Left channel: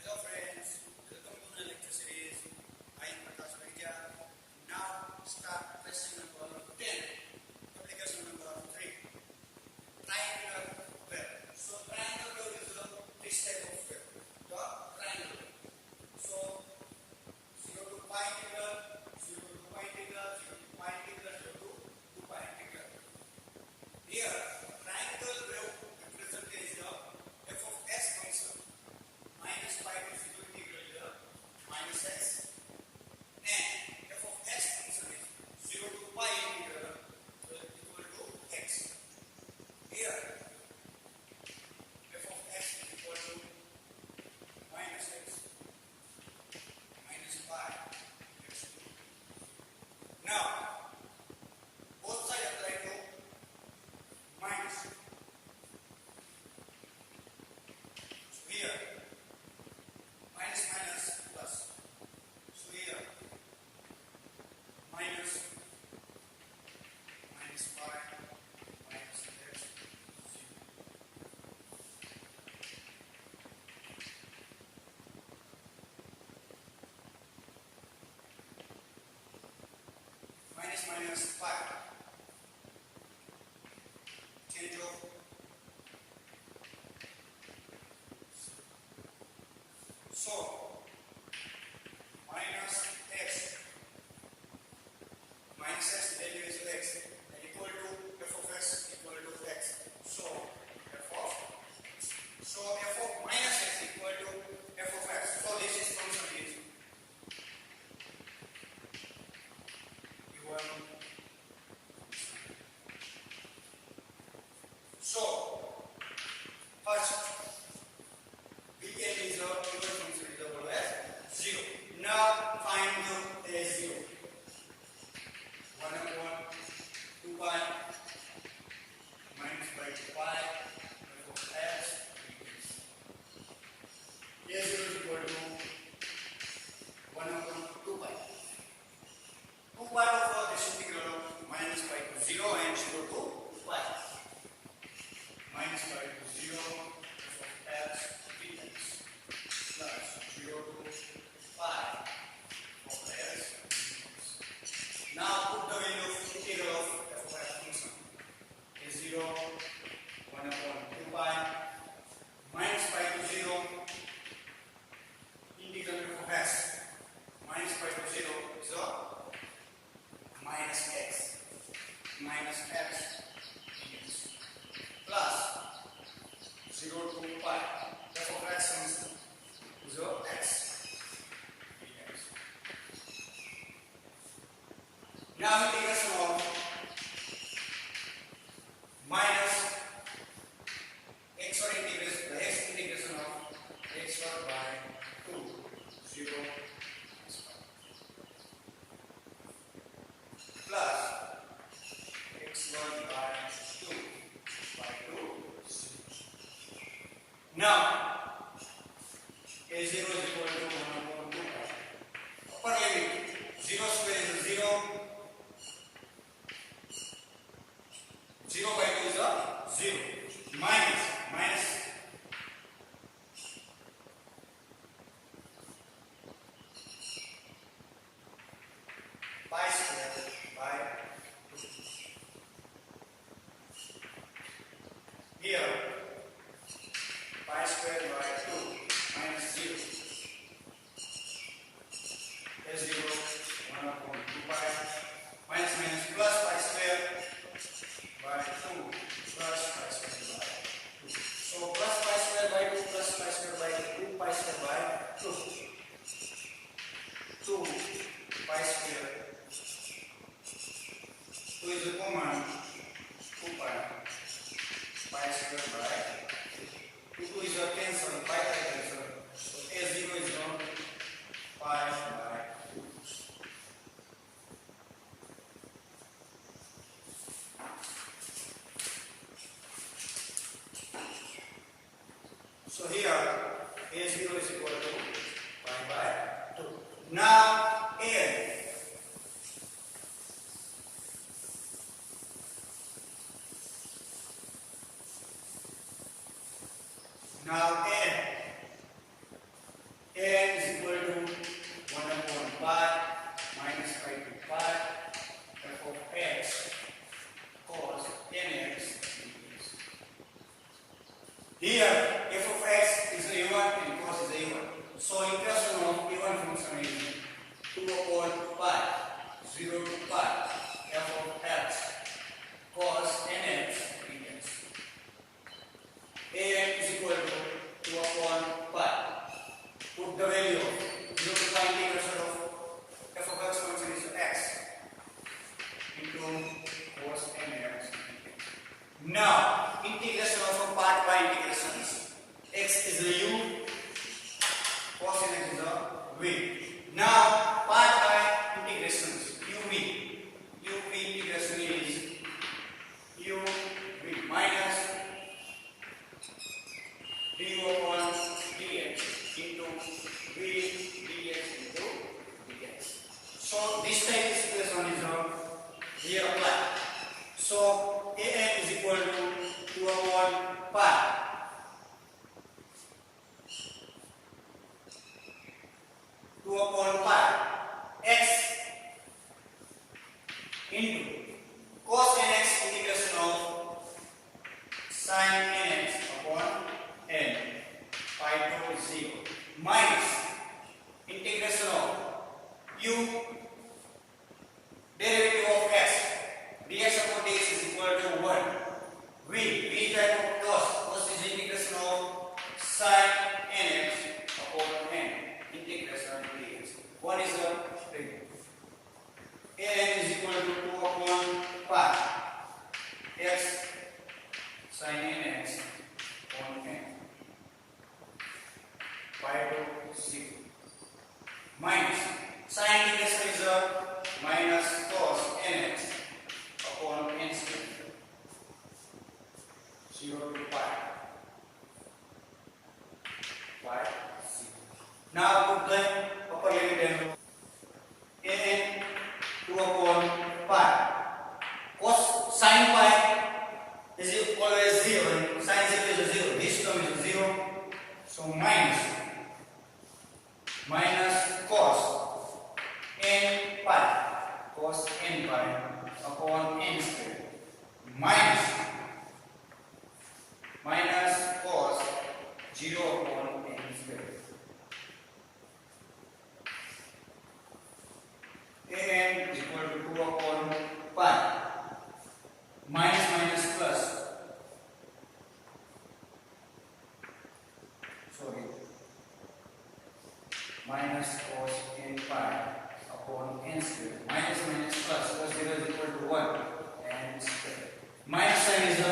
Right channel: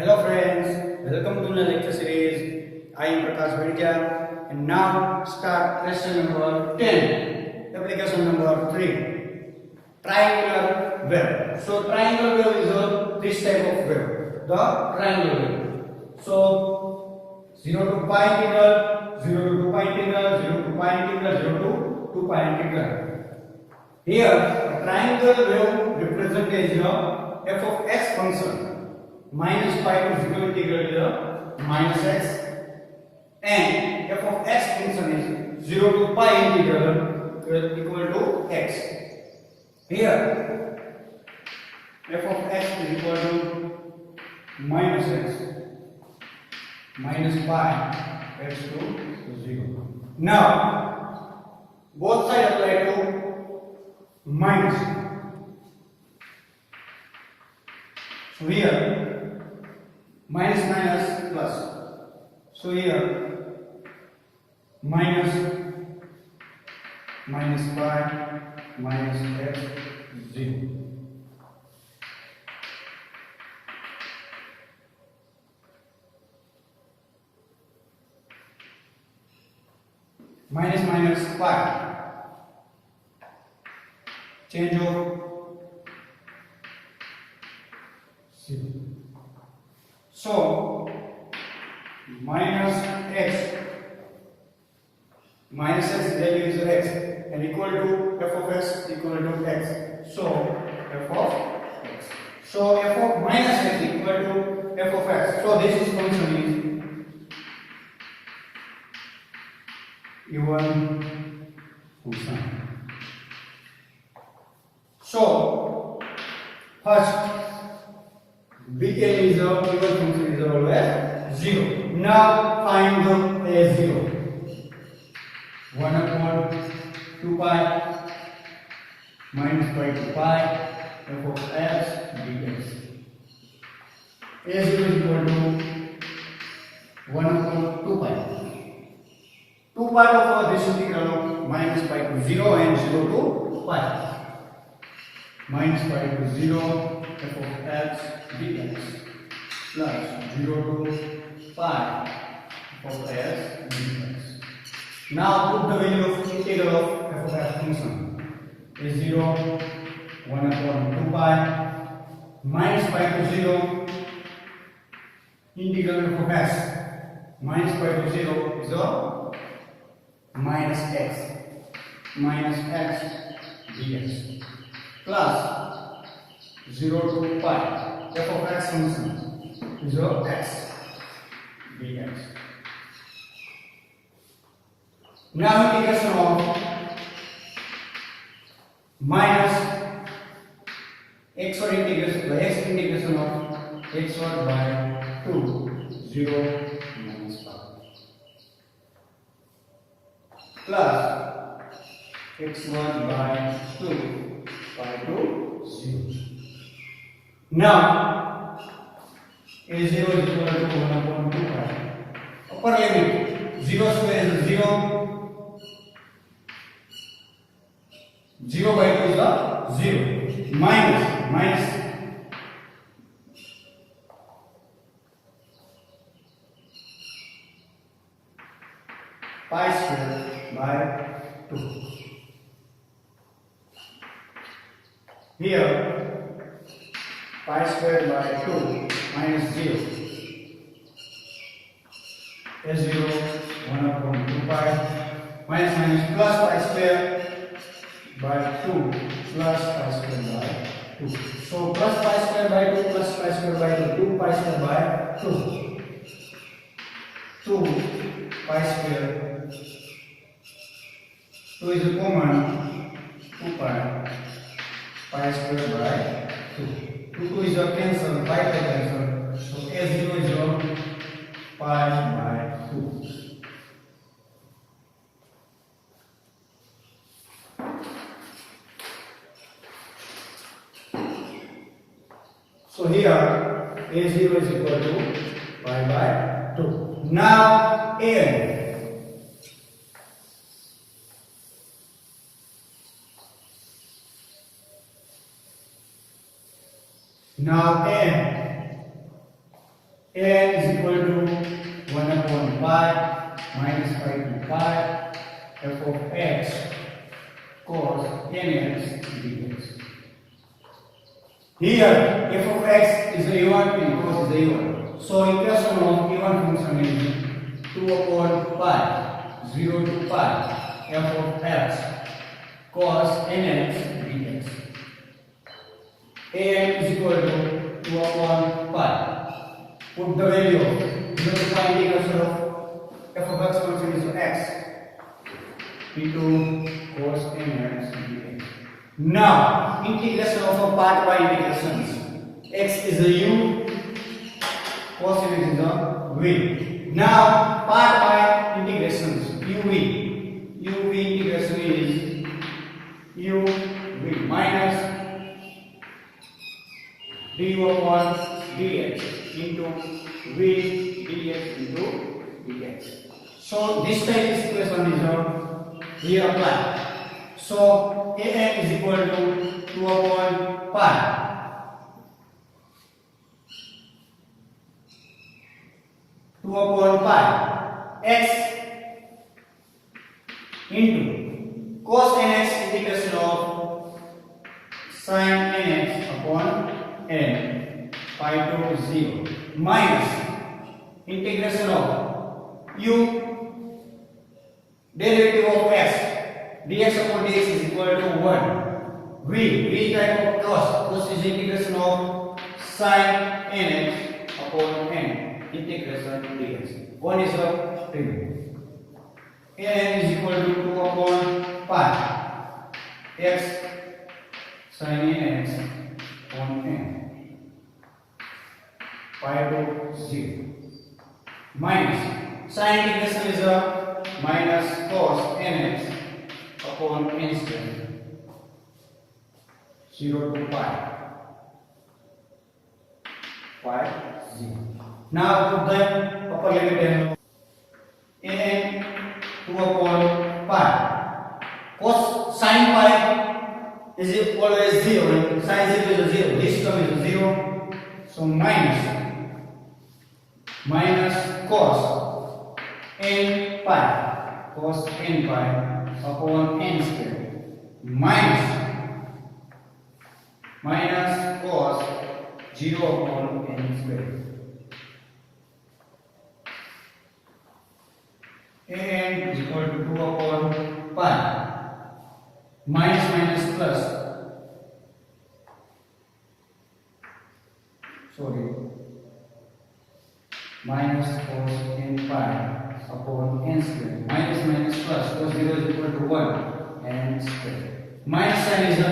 Hello friends, welcome to the lecture series. I am Prakash Vedkya and now start question number 10, application number 3. Triangular wave. So triangular wave is this type of wave, the triangular wave. So 0 to pi integral, 0 to 2 pi integral, 0 to pi integral, 0 to 2 pi integral. Here a triangular wave represented as f of x function. Minus pi to 0 integral to minus x, and f of x function is 0 to pi integral equal to x. Here f of x is equal to minus x minus pi x to 0. Now both sides apply to minus. So here minus minus plus. So here minus pi minus x 0. Minus minus pi. Change of 0. So minus x value is x and equal to f of x equal to x. So f of x. So f of minus x equal to f of x. So this is function is even cosine. So first Bn is a given function is always 0. Now find the a0. 1 upon 2 pi minus pi to pi f of x dx. A0 is equal to 1 upon 2 pi. 2 part of this integral of minus pi to 0 and 0 to pi. Minus pi to 0 f of x dx plus 0 to pi of x dx. Now put the value of integral of f of x function is 0, 1 upon 2 pi minus pi to 0 integral f of x minus pi to 0 is a minus x dx plus 0 to pi f of x function is of x dx. Now integration of minus x or integration by x integration of x or by 2 0 minus pi plus x1 by 2 pi to 0. Now a0 is equal to 1 upon 2 pi. Upper limit 0 square is 0. 0 by 2 is a 0. Minus pi square by 2. Here pi square by 2 minus 0. A0 1 upon 2 pi minus plus pi square by 2 plus pi square by 2. So plus pi square by 2 plus pi square by 2, 2 pi square by 2. 2 pi square. 2 is a common. 2 pi square by 2. 2 is a cancel, pi to cancel. So a0 is a pi by 2. So here a0 is equal to pi by 2. Now a Now n n is equal to 1 upon pi minus pi to pi f of x cos nx dx. Here f of x is a1 and cos is a1. So equation of a1 function is 2 upon pi 0 to pi f of x cos nx dx. An is equal to 2 upon pi. Put the value of 0 to pi integration of f of x function is x into cos nx dx. Now integration of a part by integrations. X is a u, cos nx is a v. Now part by integrations. uv integration is uv minus du upon dx into v dx into dx. So this type of equation is here applied. So an is equal to 2 upon pi x into cos nx integration of sin nx upon n pi to 0 minus integration of u derivative of x dx upon dx is equal to 1. V type of cos is integration of sin nx upon n integration dx. 1 is a prime. An is equal to 2 upon pi x sin nx upon n pi to 0 minus sin integration is a minus cos nx upon n square 0 to pi 0. Now put the upper limit n 2 upon pi cos sin pi is always 0 sin 0 is 0. This term is 0. So minus cos n pi upon n square minus cos 0 upon n square. An is equal to 2 upon pi minus plus minus cos n pi upon n square minus plus 0 is equal to 1 n square. Minus sign is a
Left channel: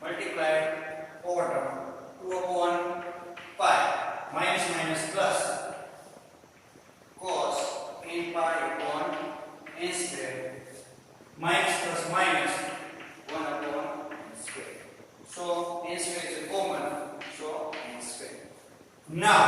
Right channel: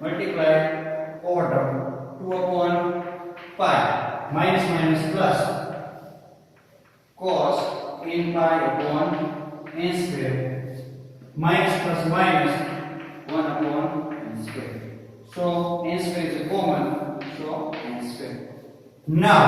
multiply over term 2 upon pi minus plus cos n pi upon n square minus plus minus 1 upon n square. So n square is a common, so n square. Now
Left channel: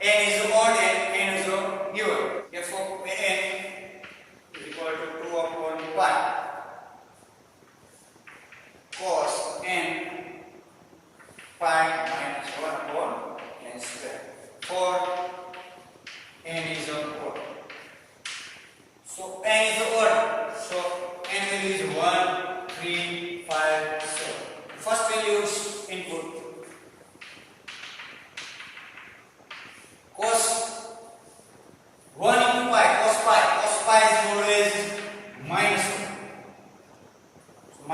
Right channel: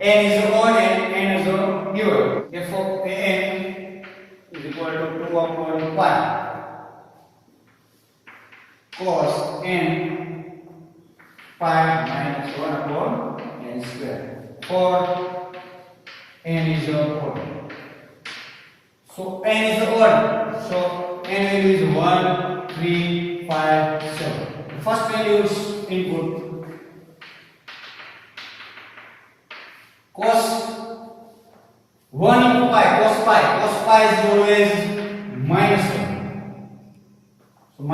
n is odd and n is even. F of n is equal to 2 upon pi cos n pi minus 1 upon n square. For n is odd. So n is odd. So n value is 1, 3, 5, 7. The first value is input. Cos 1 into pi, cos pi is always minus 1. So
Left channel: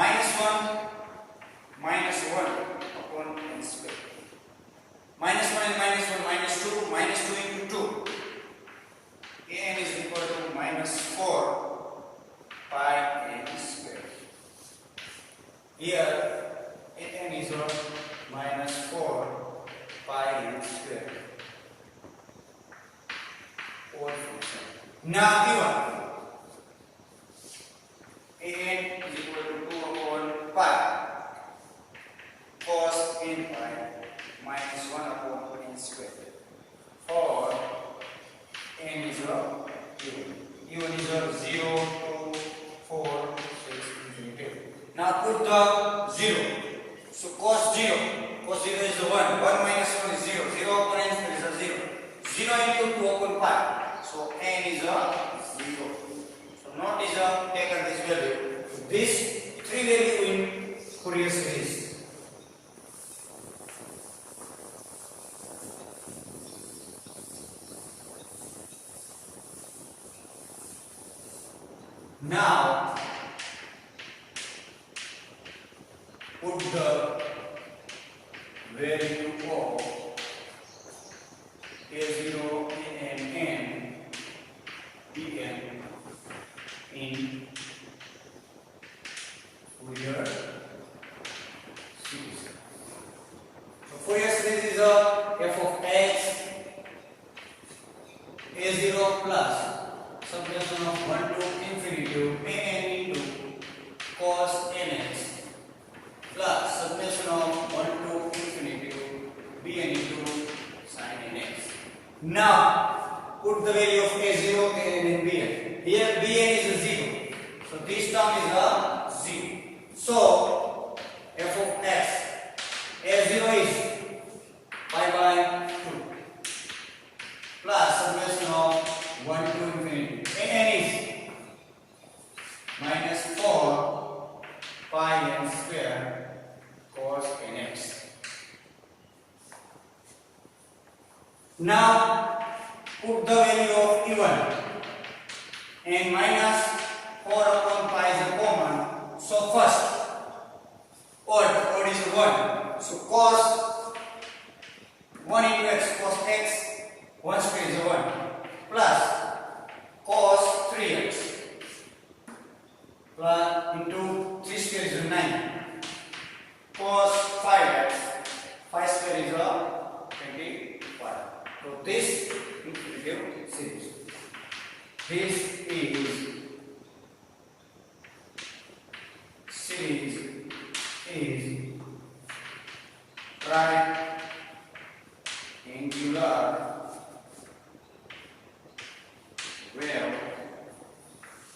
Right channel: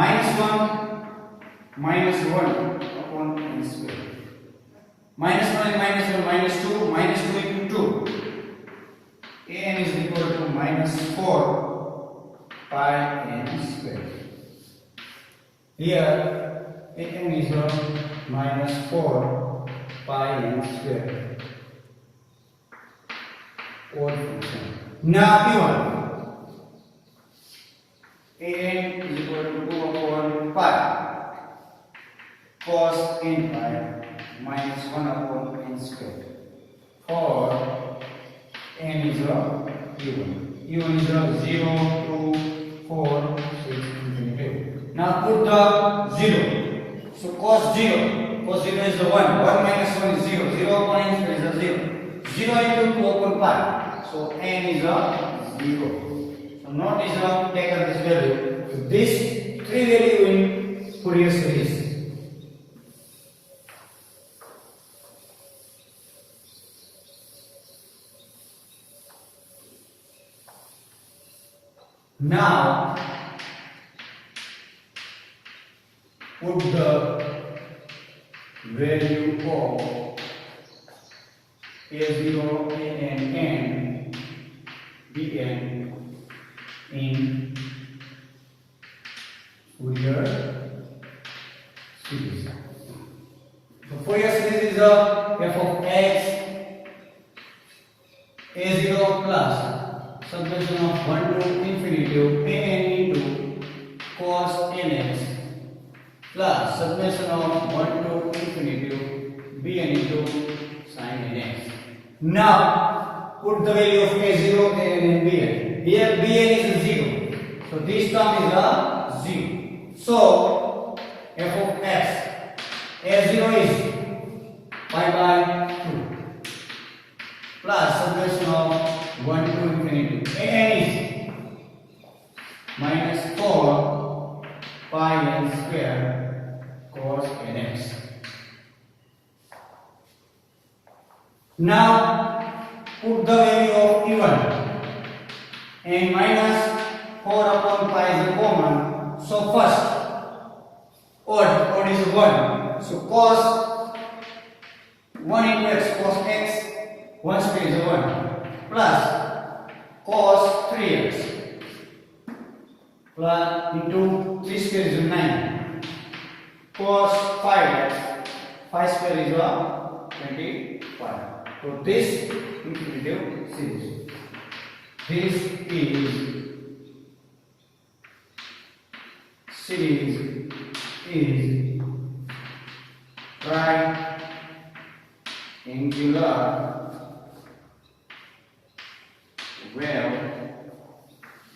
minus 1 upon n square. Minus 1 and minus 1, minus 2 into 2. An is equal to minus 4 pi n square. Here an is minus 4 pi n square. Odd function. Now P1 an is equal to 2 upon pi cos n pi minus 1 upon n square. For n is even. Even is 0, 2, 4, 6, infinity. Now put the 0. So cos 0 cos 0 is the 1. 1 minus 1 is 0. 0 upon n square is a 0. 0 into 2 upon pi. So n is a 0. So notice take this value. So this 3 value in Fourier series. Now put the value of a0, an, n, bn in Fourier series. So Fourier series is a f of x a0 plus summation of 1 to infinity of an into cos nx plus summation of 1 to infinity of bn into sin nx. Now put the value of a0, an and bn. Here bn is a 0. So this term is a 0. So f of x a0 is pi by 2 plus summation of 1 to infinity. An is minus 4 pi n square cos nx. Now put the value of e1 and minus 4 upon pi is a common. So first odd is 1. So cos 1 into x cos x 1 square is 1 plus cos 3x plus into 3 square is 9 cos 5x 5 square is 25. So this infinity series. This is series is right angular wave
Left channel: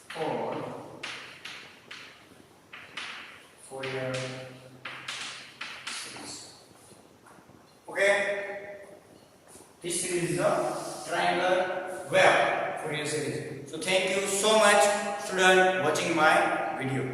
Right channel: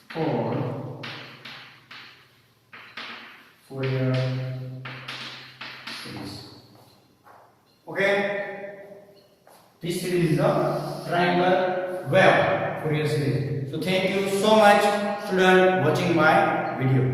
for Fourier series. Okay, this series is a triangular wave Fourier series. So thank you so much, student, watching my video.